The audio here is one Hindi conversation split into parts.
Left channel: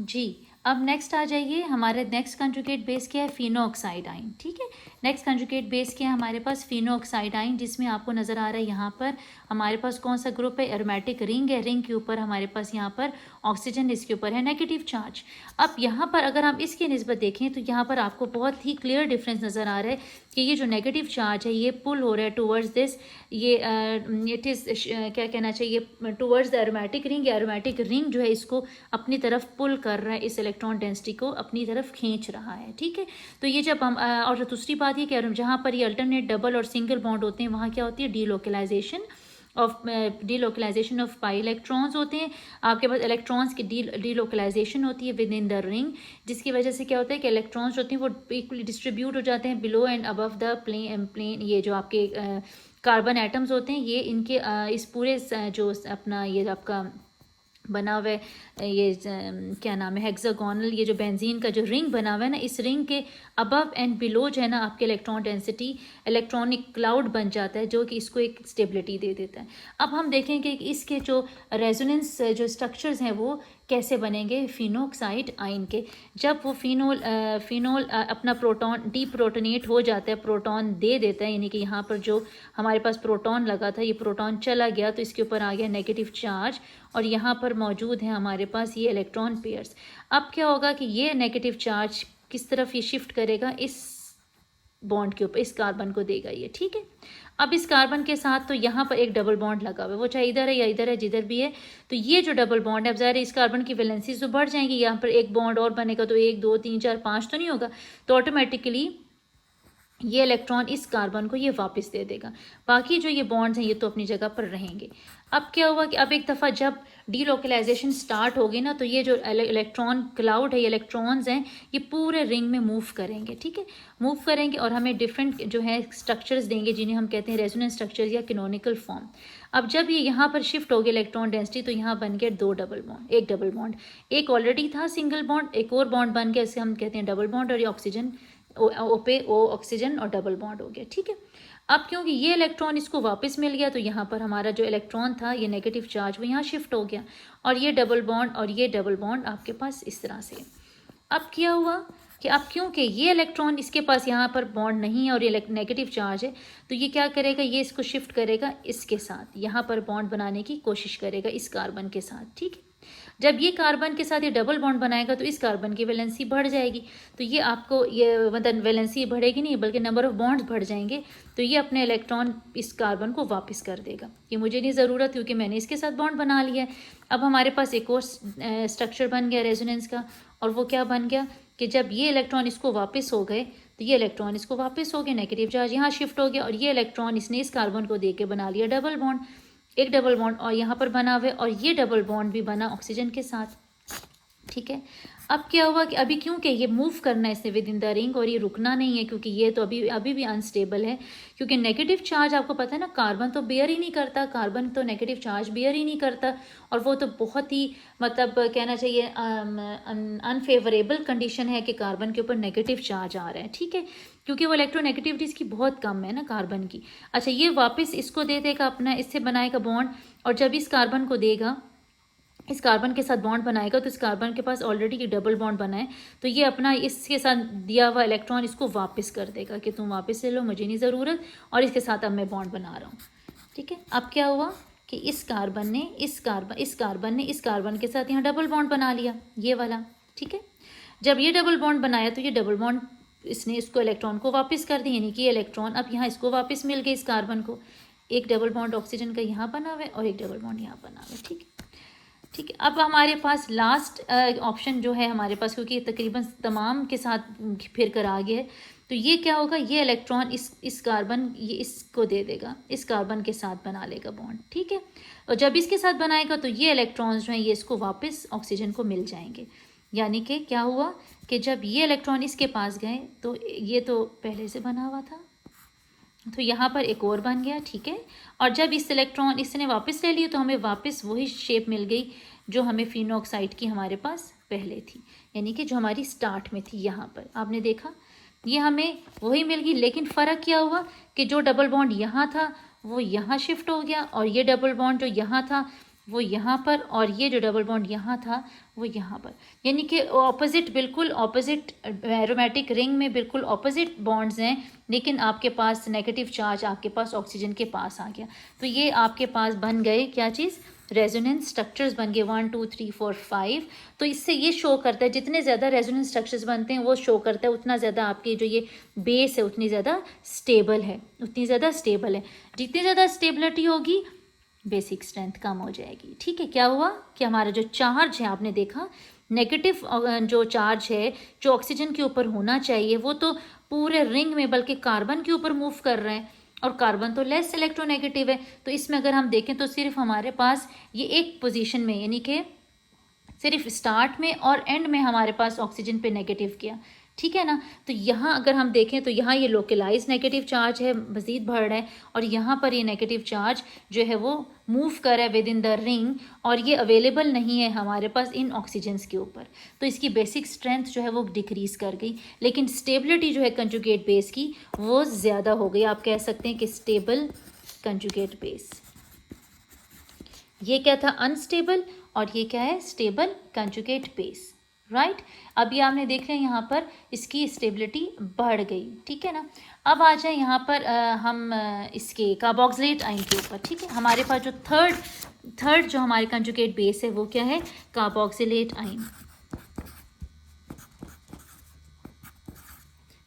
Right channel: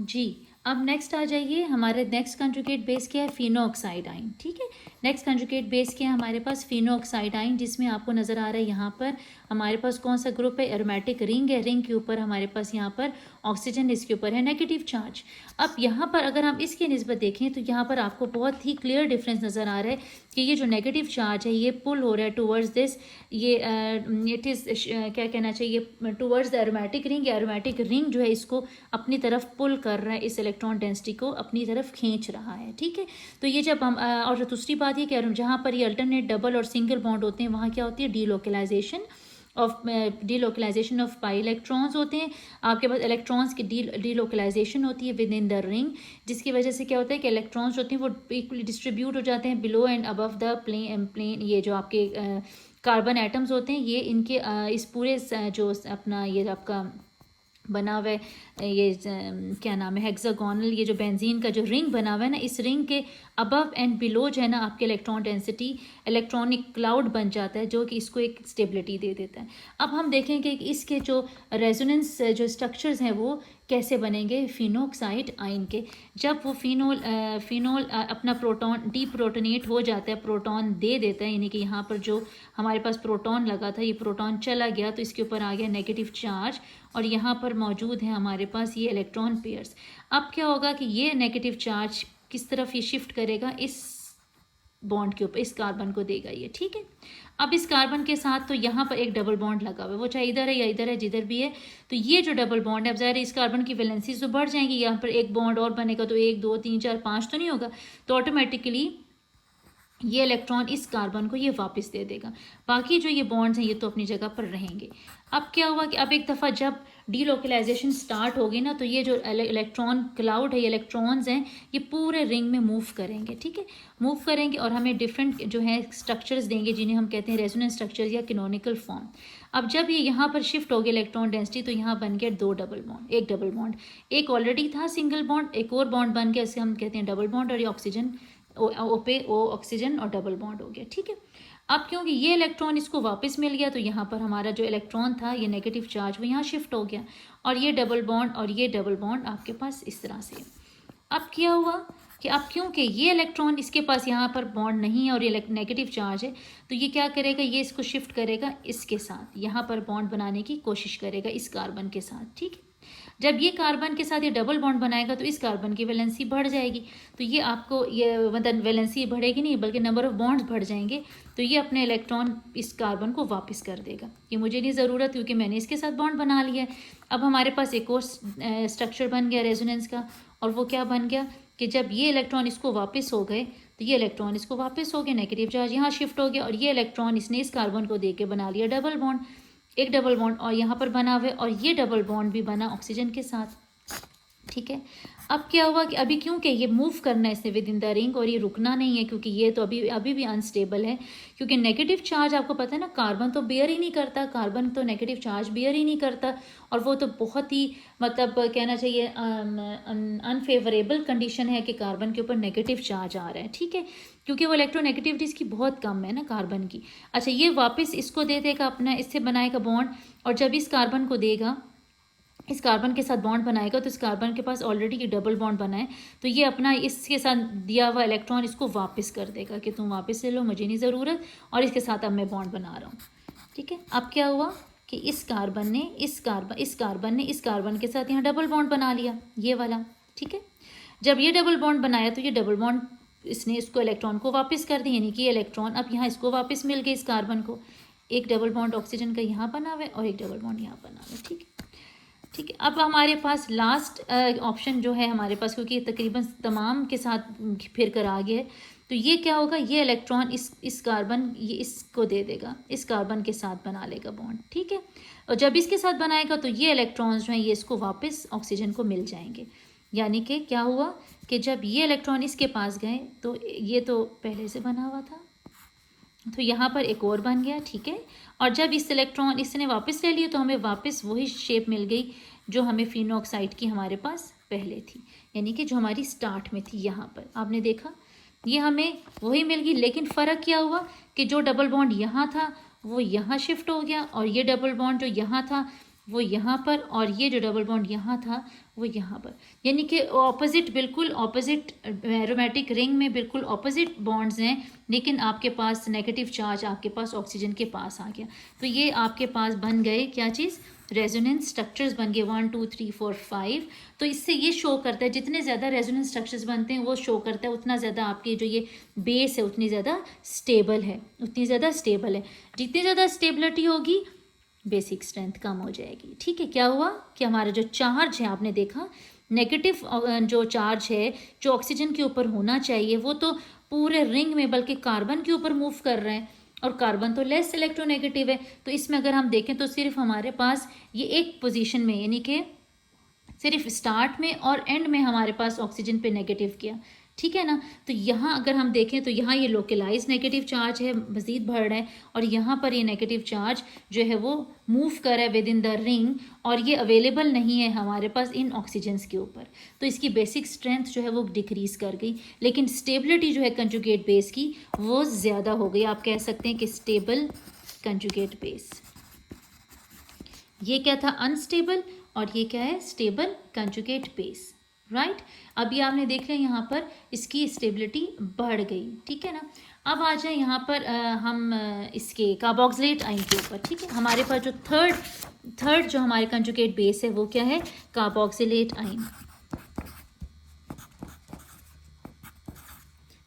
जी। अब नेक्स्ट आ जाइए, हमारे नेक्स्ट कंजुगेट बेस क्या है, फिनोऑक्साइडाइन। ठीक है, नेक्स्ट कंजुगेट बेस क्या है हमारे पास, फिनोऑक्साइडाइन, जिसमें आपको नज़र आ रहा है यहाँ पर हमारे पास कौन सा ग्रुप है, एरोमेटिक रिंग है। रिंग के ऊपर हमारे पास यहाँ पर ऑक्सीजन, इसके ऊपर है नेगेटिव चार्ज। अब यहाँ पर अगर हम इसकी निस्बत देखें तो यहाँ पर आपको बहुत ही क्लियर डिफरेंस नज़र आ रहा है कि ये जो नेगेटिव चार्ज है ये पुल हो रहा है टूवर्ड्स दिस, ये इट इज़ क्या कहना चाहिए, towards the aromatic ring. Aromatic ring जो है इसको अपनी तरफ पुल कर रहा है, इस इलेक्ट्रॉन डेंसिटी को अपनी तरफ खींच रहा है। ठीक है, तो ये जब हम और दूसरी बात ये कह रहे हैं, जहाँ पर ये अल्टरनेट डबल और सिंगल बॉन्ड होते हैं वहाँ क्या होती है, डीलोकलाइजेशन ऑफ पाई इलेक्ट्रॉन्स होते हैं। आपके पास इलेक्ट्रॉन्स की डीलोकलाइजेशन होती है विद इन द रिंग, जिसकी वजह से क्या होता है कि इलेक्ट्रॉन्स होते हैं वो इक्वली डिस्ट्रीब्यूट हो जाते हैं below and above the plane. ये जो आपके कार्बन एटम्स होते हैं ये इनके इस पूरे जो अपना ये आपका बना हुआ है, ये क्या नाम है, हेक्सागोनल, ये जो बेंजीन का जो रिंग बना हुआ है ना, इस रिंग के अबव एंड बिलो जो है ना आपके इलेक्ट्रॉन डेंसिटी इलेक्ट्रॉनिक क्लाउड बन जाता है, जो कि इसको एक स्टेबिलिटी दे देता है। अब हम देखेंगे कि इसके जो रेजोनेंस जो स्ट्रक्चर्स हैं वो कैसे बनेंगे फिनोऑक्साइड आयन के। जब वो फिनोल अपना प्रोटॉन डीप्रोटोनेट हो जाता है, प्रोटॉन दे देता है, यानी कि यहाँ पर जो हमारे पास प्रोटॉन लगा था ये प्रोटॉन चला गया तो इसके ऊपर आ गया नेगेटिव चार्ज, और यहाँ पर मौजूद है हमारे पास ये इलेक्ट्रॉन पेयर्स। अब क्या होगा कि ये नेगेटिव चार्ज किस तरफ ये शिफ्ट करेगा, इस बॉन्ड के ऊपर, इस कार्बन को देगा ये। ठीक है, अब इस कार्बन के साथ तो यहाँ पर एक डबल बॉन्ड लगा हुआ है, वो चाहे इधर है या इधर है, जिधर भी है, तो ये जो डबल बॉन्ड है, अब ज़ाहिर है इस कार्बन की वैलेंसीज तो बढ़ जाएंगी, यहाँ पर एक बॉन्ड और बनेगा तो 1 2 3 4 5 तो नहीं होगा, तो ऑटोमेटिकली ये इलेक्ट्रॉन इस कार्बन को ये वापस दे देगा। बाकी जो ये बॉन्ड्स हैं ये तो अपनी जगह पर रहेंगे। अब क्या हुआ कि अब एक दफ़ा जब डीलोकलाइजेशन स्टार्ट होगी ना, तो ये जो इलेक्ट्रॉन क्लाउड है, ये इलेक्ट्रॉन्स हैं ये पूरे रिंग में मूव करेंगे। ठीक है, मूव करेंगे और हमें डिफरेंट जो है स्ट्रक्चर्स देंगे, जिन्हें हम कहते हैं रेजोनेंस स्ट्रक्चर्स या कैनोनिकल फॉर्म। अब जब ये यहाँ पर शिफ्ट हो गया इलेक्ट्रॉन डेंसिटी, तो यहाँ बन गया 2 डबल बॉन्ड, एक डबल बॉन्ड, एक ऑलरेडी था सिंगल बॉन्ड, एक और बॉन्ड बन गया, इसे हम कहते हैं डबल बॉन्ड, और ये ऑक्सीजन ओ पे ओ ऑक्सीजन और डबल बॉन्ड हो गया। ठीक है, अब क्योंकि ये इलेक्ट्रॉन इसको वापस मिल गया तो यहाँ पर हमारा जो इलेक्ट्रॉन था ये नेगेटिव चार्ज वो यहाँ शिफ्ट हो गया, और ये डबल बॉन्ड और ये डबल बॉन्ड आपके पास इस तरह से। अब क्या हुआ कि अब क्योंकि ये इलेक्ट्रॉन इसके पास यहाँ पर बॉन्ड नहीं है और ये नेगेटिव चार्ज है, तो ये क्या करेगा, ये इसको शिफ्ट करेगा इसके साथ, यहाँ पर बॉन्ड बनाने की कोशिश करेगा इस कार्बन के साथ। ठीक है, जब ये कार्बन के साथ ये डबल बॉन्ड बनाएगा तो इस कार्बन की वैलेंसी बढ़ जाएगी, तो ये आपको ये मतलब वैलेंसी बढ़ेगी नहीं बल्कि नंबर ऑफ बॉन्ड्स बढ़ जाएंगे, तो ये अपने इलेक्ट्रॉन इस कार्बन को वापस कर देगा कि मुझे नहीं ज़रूरत क्योंकि मैंने इसके साथ बॉन्ड बना लिया है। अब हमारे पास एक और स्ट्रक्चर बन गया रेजोनेंस का, और वो क्या बन गया कि जब ये इलेक्ट्रॉन इसको वापस हो गए तो ये इलेक्ट्रॉन इसको वापस हो गए, नेगेटिव चार्ज यहाँ शिफ्ट हो गया, और ये इलेक्ट्रॉन इसने इस कार्बन को दे के बना लिया डबल बॉन्ड, एक डबल बॉन्ड और यहाँ पर बना हुआ है, और ये डबल बॉन्ड भी बना ऑक्सीजन के साथ। ठीक है, अब क्या हुआ कि अभी क्योंकि ये मूव करना है इसने विद इन द रिंग, और ये रुकना नहीं है क्योंकि ये तो अभी भी अनस्टेबल है, क्योंकि नेगेटिव चार्ज आपको पता है ना, कार्बन तो बेयर ही नहीं करता, कार्बन तो नेगेटिव चार्ज बेयर ही नहीं करता, और वो तो बहुत ही मतलब कहना चाहिए अनफेवरेबल कंडीशन है कि कार्बन के ऊपर नेगेटिव चार्ज आ रहा है। ठीक है, क्योंकि वो इलेक्ट्रोनेगेटिविटी इसकी बहुत कम है ना कार्बन की। अच्छा, ये वापस इसको दे देगा अपना, इससे बनाएगा बॉन्ड, और जब इस कार्बन को देगा, इस कार्बन के साथ बॉन्ड बनाएगा, तो इस कार्बन के पास ऑलरेडी एक डबल बॉन्ड बना है, तो ये अपना इसके साथ दिया हुआ इलेक्ट्रॉन इसको वापस कर देगा कि तुम वापस ले लो, मुझे नहीं ज़रूरत, और इसके साथ अब मैं बॉन्ड बना रहा हूँ। ठीक है, अब क्या हुआ कि इस कार्बन ने इस कार्बन के साथ यहाँ डबल बॉन्ड बना लिया, ये वाला। ठीक है, जब ये डबल बॉन्ड बनाया तो ये डबल बॉन्ड इसने इसको इलेक्ट्रॉन को वापस कर दी, यानी कि ये इलेक्ट्रॉन अब यहाँ इसको वापस मिल गया इस कार्बन को, एक डबल बॉन्ड ऑक्सीजन का यहाँ बना हुआ है और एक डबल बॉन्ड यहाँ बना हुआ है। ठीक है, ठीक है, अब हमारे पास लास्ट ऑप्शन जो है हमारे पास, क्योंकि तकरीबन तमाम के साथ फिर कर आ गया है, तो ये क्या होगा, ये इलेक्ट्रॉन इस कार्बन ये इसको दे देगा, इस कार्बन के साथ बना लेगा बॉन्ड। ठीक है, और जब इसके साथ बनाएगा तो ये इलेक्ट्रॉन्स जो हैं ये इसको वापस ऑक्सीजन को मिल जाएंगे, यानी कि क्या हुआ कि जब ये इलेक्ट्रॉन इसके पास गए तो ये तो पहले से बना हुआ था, तो यहाँ पर एक और बन गया। ठीक है, और जब इस इलेक्ट्रॉन इसने वापस ले लिया तो हमें वापस वही शेप मिल गई जो हमें फिनोऑक्साइड की हमारे पास पहले थी, यानी कि जो हमारी स्टार्ट में थी। यहाँ पर आपने देखा ये हमें वही मिल गई, लेकिन फ़र्क क्या हुआ कि जो डबल बॉन्ड यहाँ था वो यहाँ शिफ्ट हो गया, और ये डबल बॉन्ड जो यहाँ था वो यहाँ पर, और ये जो डबल बॉन्ड यहाँ था वो यहाँ पर, यानी कि ऑपोजिट, बिल्कुल ऑपोजिट एरोमेटिक रिंग में बिल्कुल ऑपोजिट बॉन्ड्स हैं, लेकिन आपके पास नेगेटिव चार्ज आपके पास ऑक्सीजन के पास आ गया। तो ये आपके पास बन गए क्या चीज़, रेजोनेंस स्ट्रक्चर्स बन गए 1 2 3 4 5। तो इससे ये शो करता है, जितने ज़्यादा रेजोनेंस स्ट्रक्चर्स बनते हैं वो शो करता है उतना ज़्यादा आपकी जो ये बेस है उतनी ज़्यादा स्टेबल है, उतनी ज़्यादा स्टेबल है। जितनी ज़्यादा स्टेबिलिटी होगी बेसिक स्ट्रेंथ कम हो जाएगी। ठीक है, क्या हुआ कि हमारा जो चार्ज है, आपने देखा नेगेटिव जो चार्ज है जो ऑक्सीजन के ऊपर होना चाहिए वो तो पूरे रिंग में बल्कि कार्बन के ऊपर मूव कर रहे हैं, और कार्बन तो लेस इलेक्ट्रोनेगेटिव है। तो इसमें अगर हम देखें तो सिर्फ हमारे पास ये एक पोजीशन में, यानी कि सिर्फ स्टार्ट में और एंड में हमारे पास ऑक्सीजन पे नेगेटिव किया। ठीक है ना, तो यहाँ अगर हम देखें तो यहाँ ये लोकलाइज नेगेटिव चार्ज है, मज़ीद बढ़ रहा है, और यहाँ पर ये नेगेटिव चार्ज जो है वो मूव कर रहा है विद इन द रिंग, और ये अवेलेबल नहीं है हमारे पास इन ऑक्सीजन्स के ऊपर। तो इसकी बेसिक स्ट्रेंथ जो है वो डिक्रीज़ कर गई, लेकिन स्टेबिलिटी जो है कंजुगेट बेस की वो ज़्यादा हो गई। आप कह सकते हैं कि स्टेबल कंजुगेट बेस। ये क्या था, अनस्टेबल, और ये क्या है, स्टेबल कंजुगेट बेस। राइट, अभी आपने देख लिया यहाँ पर इसकी स्टेबिलिटी बढ़ गई। ठीक है ना, अब आ जाए यहाँ पर हम इसके कार्बोक्सिलेट आयन के ऊपर। ठीक है, हमारे पास जो थर्ड जो हमारे कंजुगेट बेस है वो क्या है, कार्बोक्सिलेट आयन।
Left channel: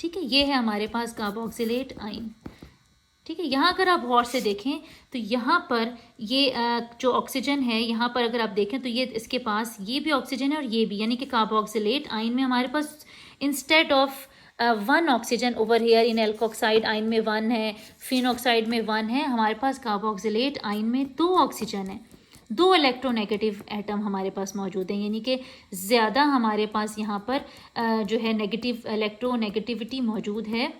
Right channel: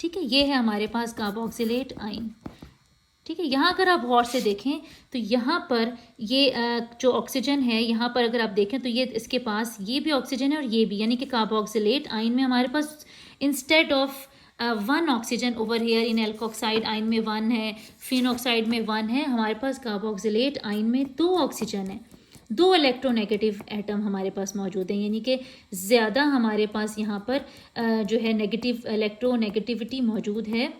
ठीक है, ये है हमारे पास कार्बोक्सिलेट आयन। ठीक है, यहाँ अगर आप गौर से देखें तो यहाँ पर ये जो ऑक्सीजन है, यहाँ पर अगर आप देखें तो ये इसके पास ये भी ऑक्सीजन है और ये भी, यानी कि कार्बोक्सिलेट आयन में हमारे पास instead of 1 oxygen over here in alkoxide ion में 1 है, फिनॉक्साइड में 1 है, हमारे पास कार्बोक्सिलेट आयन में 2 ऑक्सीजन है, 2 इलेक्ट्रोनेगेटिव एटम हमारे पास मौजूद हैं, यानी कि ज़्यादा हमारे पास यहाँ पर जो है नेगेटिव इलेक्ट्रोनेगेटिविटी मौजूद है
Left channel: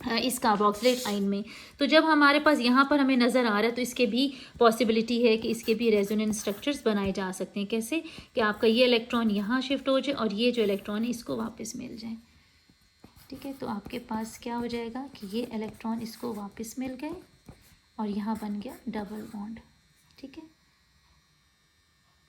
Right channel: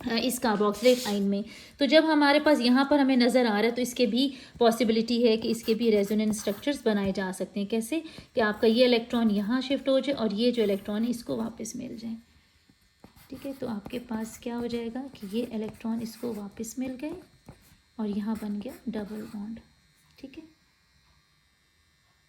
इस कार्बोक्सिलेट आयन में। तो जब हमारे पास यहाँ पर हमें नज़र आ रहा है तो इसके भी पॉसिबिलिटी है कि इसके भी रेजोनेंस स्ट्रक्चर्स बनाए जा सकते हैं। कैसे कि आपका ये इलेक्ट्रॉन यहाँ शिफ्ट हो जाए और ये जो इलेक्ट्रॉन है इसको वापस मिल जाए। ठीक है, तो आपके पास क्या हो जाएगा कि ये इलेक्ट्रॉन इसको वापस मिल गए और यहाँ बन गया डबल बॉन्ड। ठीक है,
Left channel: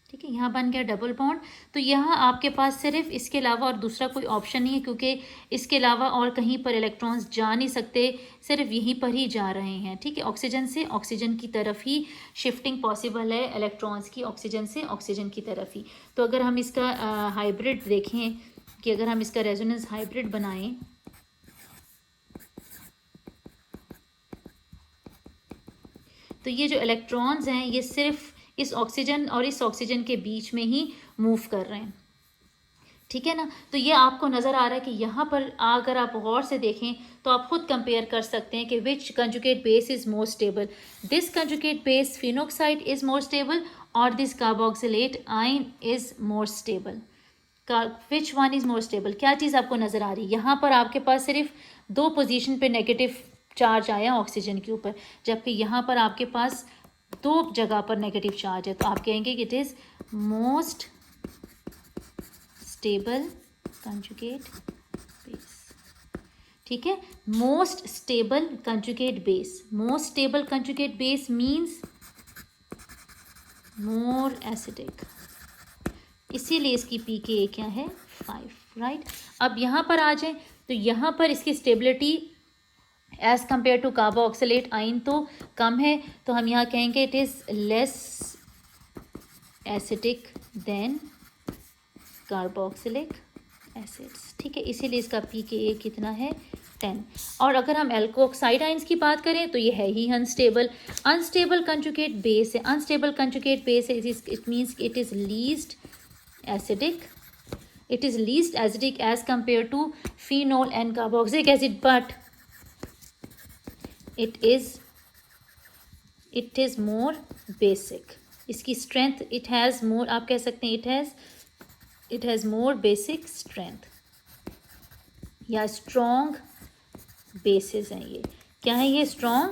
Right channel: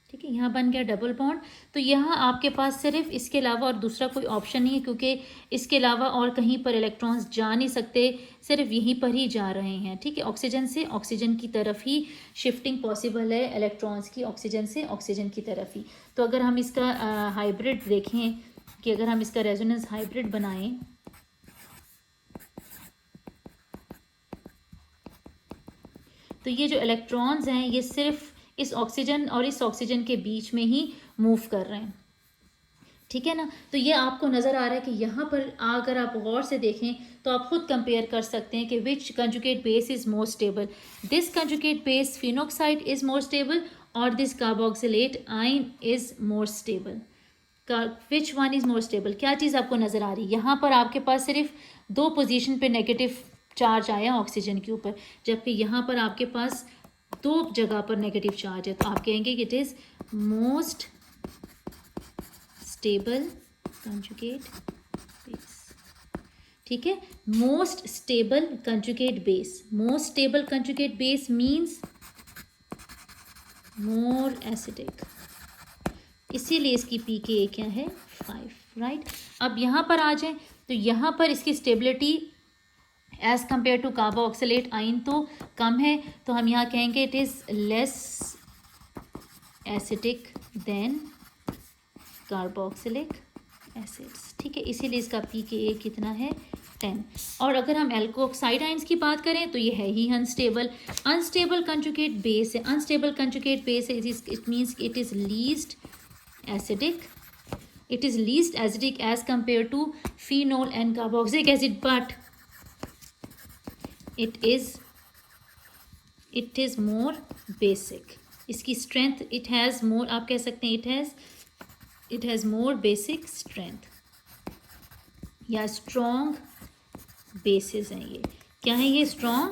ठीक है, यहाँ बन गया डबल बॉन्ड। तो यहाँ आपके पास सिर्फ इसके अलावा और दूसरा कोई ऑप्शन नहीं है, क्योंकि इसके अलावा और कहीं पर इलेक्ट्रॉन्स जा नहीं सकते, सिर्फ यहीं पर ही जा रहे हैं। ठीक है, ऑक्सीजन से ऑक्सीजन की तरफ ही शिफ्टिंग पॉसिबल है इलेक्ट्रॉन्स की, ऑक्सीजन से ऑक्सीजन की तरफ ही। तो अगर हम इसका हाइब्रिड देखें कि अगर हम इसका रेजोनेंस हाइब्रिड बनाएं तो ये जो इलेक्ट्रॉन्स हैं ये सिर्फ इस ऑक्सीजन और इस ऑक्सीजन के बीच में ही मूव कर रहे हैं। ठीक है ना, तो ये आपको नज़र आ रहा है कि यहाँ पर अगर आप गौर से देखें तो आप खुद कंपेयर कर सकते हैं कि which conjugate base is more stable, this conjugate base phenoxide is more stable और this carboxylate ion is more stable. Which one is more stable, क्या चीज़ आपको नज़र आ रही है, यहाँ पर आपके पास सिर्फ 2 पोजीशन पे नेगेटिव चार्ज आया ऑक्सीजन के ऊपर, जबकि यहाँ पर आपके पास 2 जगह पर नेगेटिव चार्ज है। तो आप कहेंगे कि it is most stable conjugate base. ठीक है, most stable conjugate base, most stable conjugate base means more acidic, इसीलिए इसकी pKa क्या है 5। राइट, अब यहाँ पर आ जाए तो यहाँ पर इसकी stability as compare to carboxylate ion तो कम है, तो हम यहाँ कहेंगे it is less acidic than carboxylic acids. ठीक है, इसीलिए इसका pKa कितना है 10। और अगर हम एल्कोक्साइड आयंस की बात करें तो ये है ही अनस्टेबल कंजुगेट बेस है, अनस्टेबल कंजुगेट बेस है, it means it is least acidic, it is least acidic as compared to phenol and carboxylic acid, but it is more basic, इसकी strength it has more, आप कह सकते हैं it has more basic strength या strong bases हैं। ये क्या है, ये strong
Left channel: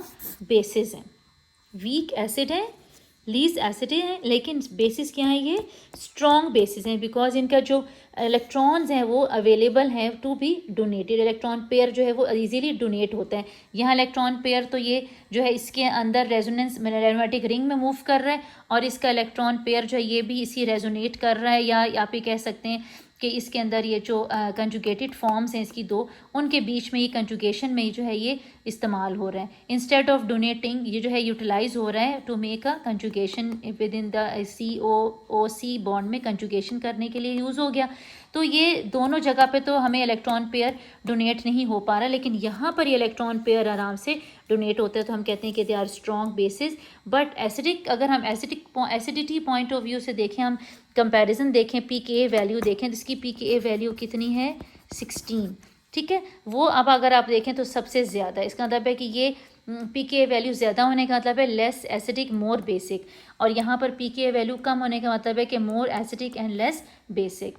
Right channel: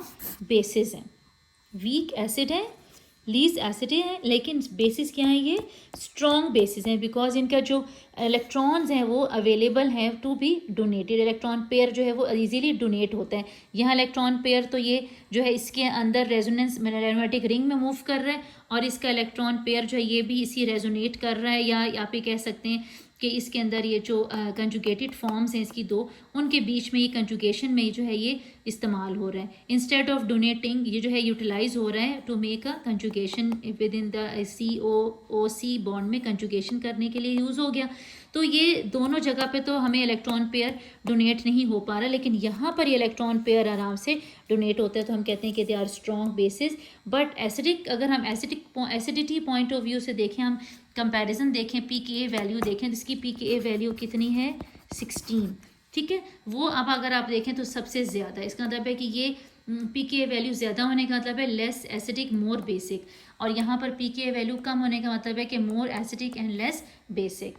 bases हैं, weak acid है लीस्ट एसिडिक हैं, लेकिन बेसिस क्या है, ये स्ट्रॉन्ग बेसिस हैं, बिकॉज इनका जो इलेक्ट्रॉन्स हैं वो अवेलेबल हैं to be donated. Electron pair जो है वो इजीली डोनेट होता है। यहाँ इलेक्ट्रॉन पेयर तो ये जो है इसके अंदर रेजोनेंस मैग्नेटिक रिंग में मूव कर रहा है, और इसका इलेक्ट्रॉन पेयर जो है ये भी इसी रेजोनेट कर रहा है, या आप ये कह सकते हैं कि इसके अंदर ये जो कंजुगेटेड फॉर्म्स हैं इसकी दो, उनके बीच में ये कंजुगेशन में जो है ये इस्तेमाल हो रहा है। इंस्टेड ऑफ डोनेटिंग ये जो है यूटिलाइज हो रहा है to make a conjugation within the COOC bond में कंजुगेशन करने के लिए यूज़ हो गया। तो ये दोनों जगह पे तो हमें इलेक्ट्रॉन पेयर डोनेट नहीं हो पा रहा, लेकिन यहाँ पर ये इलेक्ट्रॉन पेयर आराम से डोनेट होता है, तो हम कहते हैं कि they are strong bases. But acidic, अगर हम एसिडिटी पॉइंट ऑफ व्यू से देखें, हम कंपैरिजन देखें, pKa वैल्यू देखें, जिसकी pKa वैल्यू कितनी है 16, ठीक है। वो अब अगर आप देखें तो सबसे ज़्यादा, इसका मतलब है कि ये pKa वैल्यू ज़्यादा होने का मतलब है लेस एसिडिक मोर बेसिक, और यहाँ पर pKa वैल्यू कम होने का मतलब है कि more acidic and less basic.